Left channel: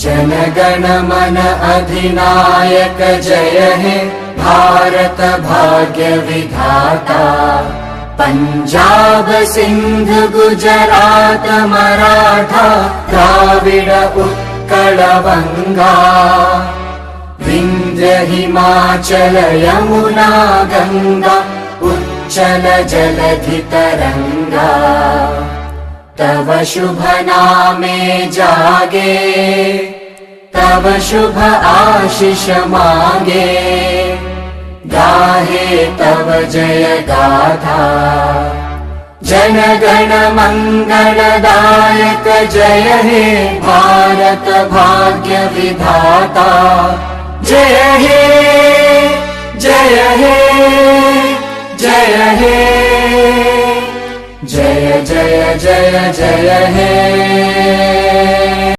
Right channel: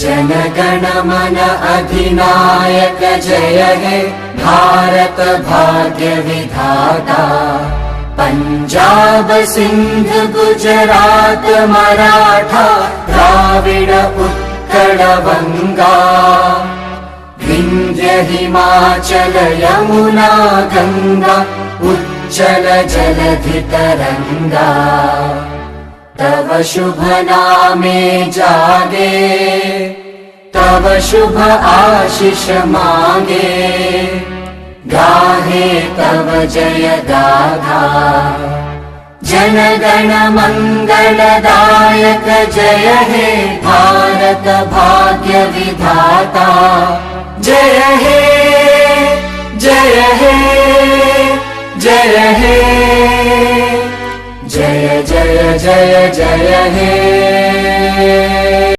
जनगण मन अधिनायक जय हे भारत भाग्य विधाता। पंजाब सिंध गुजरात मराठा द्राविड उत्कल बंगा। विंध्य हिमाचल यमुना गंगा उच्चल जलधि तरंगा। तव शुभ नामे जागे तव शुभ आशीष मांगे। गाहे तव जय गाथा जनगण मंगलदायक जय हे भारत भाग्य विधाता। जय हे जय हे जय हे जय जय जय जय हे।